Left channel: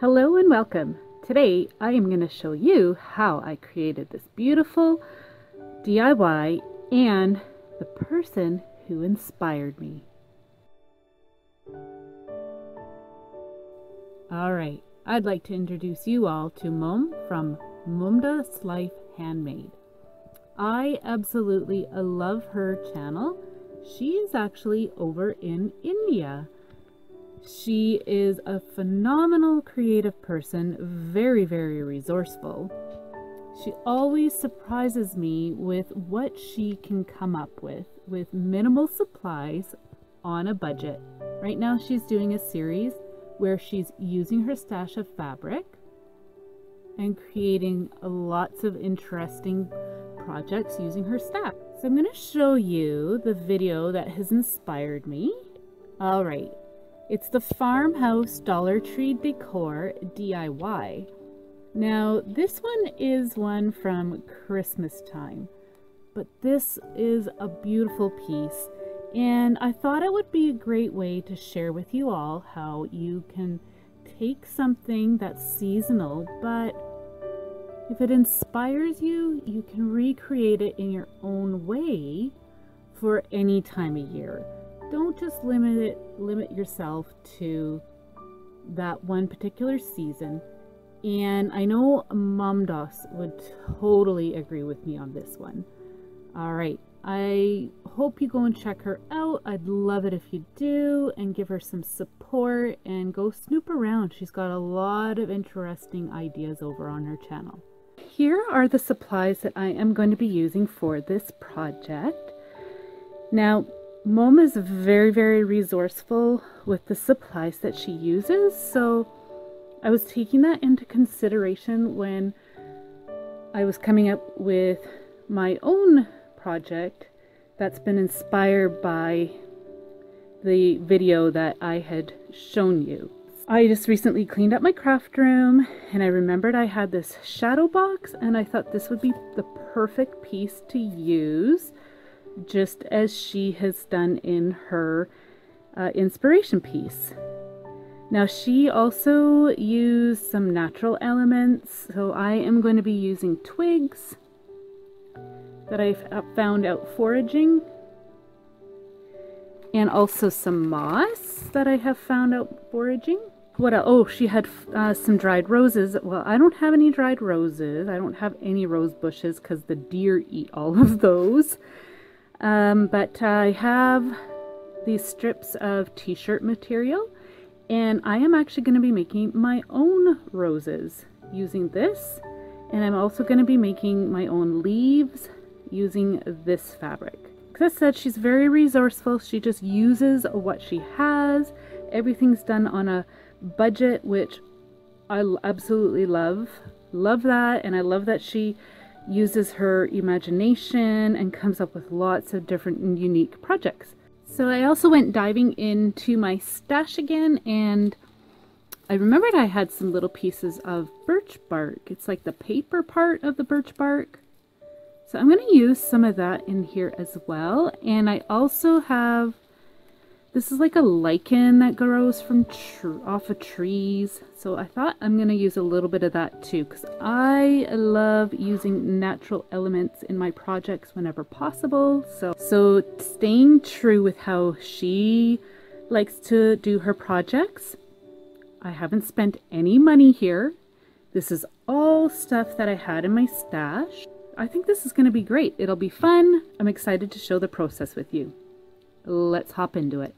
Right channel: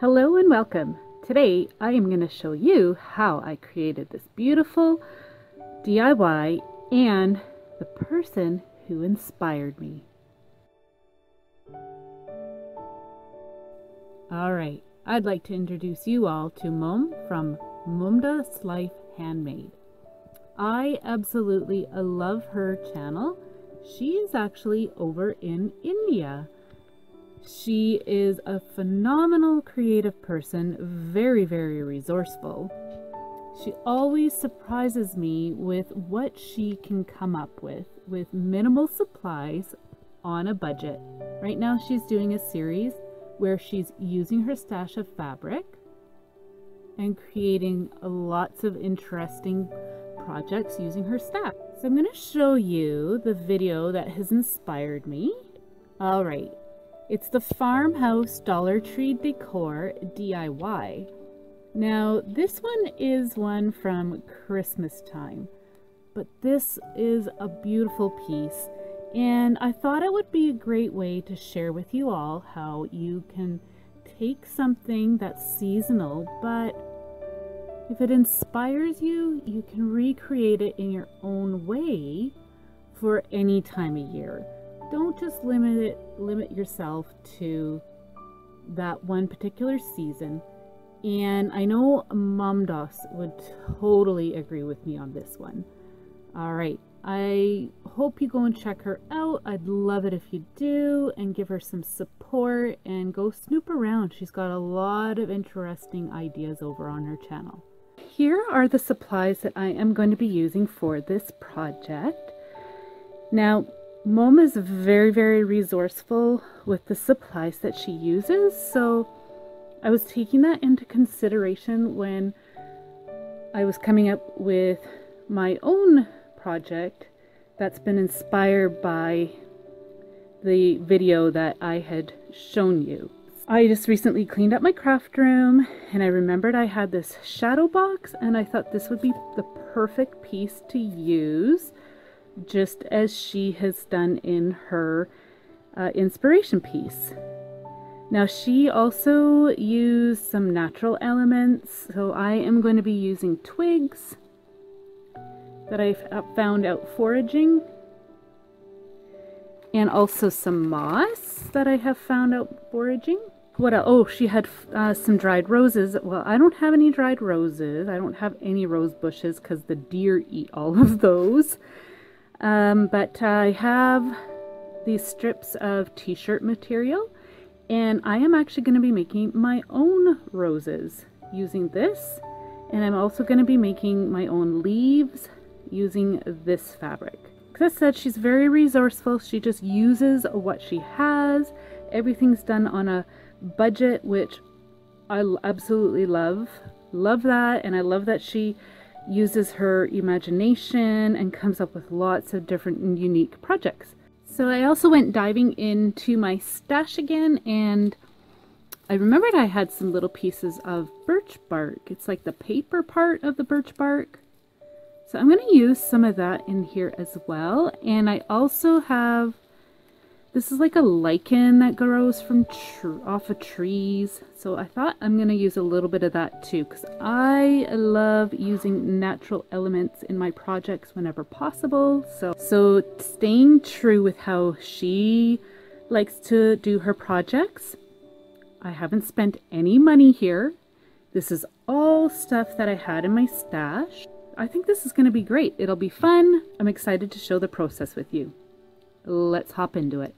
Hello and welcome. Today I am going to show you how I created this beautiful DIY and the person who inspired me. Alright, I'd like to introduce you all to Mom from MomDas Life Handmade. I absolutely love her channel. She is actually over in India. She is a phenomenal creative person, very resourceful. She always surprises me with what she can come up with minimal supplies on a budget. Right now she's doing a series where she's using her stash of fabric and creating lots of interesting projects using her stash. So I'm going to show you the video that has inspired me. Alright. It's the Farmhouse Dollar Tree Decor DIY. Now, this one is one from Christmas time, but this is a beautiful piece, and I thought it would be a great way to share with you all how you can take something that's seasonal, but if it inspires you, you can recreate it in your own way for any time of year. Don't just limit yourself to that one particular season. And I know MomDas would totally agree with me on this one. Alright, I hope you go and check her out. I'd love it if you do, and give her some support and go snoop around. She's got a lot of interesting ideas over on her channel. Here are the supplies that I am going to be using for this project. Now, Mom is very resourceful with the supplies that she uses, so I was taking that into consideration when I was coming up with my own project that's been inspired by the video that I had shown you. I just recently cleaned up my craft room and I remembered I had this shadow box, and I thought this would be the perfect piece to use, just as she has done in her inspiration piece. Now, she also used some natural elements, so I am going to be using twigs that I found out foraging, and also some moss that I have found out foraging. What else? Oh, she had some dried roses. Well, I don't have any dried roses. I don't have any rose bushes because the deer eat all of those. But I have these strips of t-shirt material, and I am actually going to be making my own roses using this, and I'm also going to be making my own leaves using this fabric. As I said, she's very resourceful. She just uses what she has. Everything's done on a budget, which I absolutely love that, and I love that she uses her imagination and comes up with lots of different and unique projects. So I also went diving into my stash again, and I remembered I had some little pieces of birch bark. It's like the paper part of the birch bark. So I'm going to use some of that in here as well. And I also have, this is like a lichen that grows from off of trees. So I thought I'm going to use a little bit of that too, because I love using natural elements in my projects whenever possible. So staying true with how she likes to do her projects, I haven't spent any money here. This is all stuff that I had in my stash. I think this is going to be great. It'll be fun. I'm excited to show the process with you. Let's hop into it.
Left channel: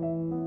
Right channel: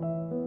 you.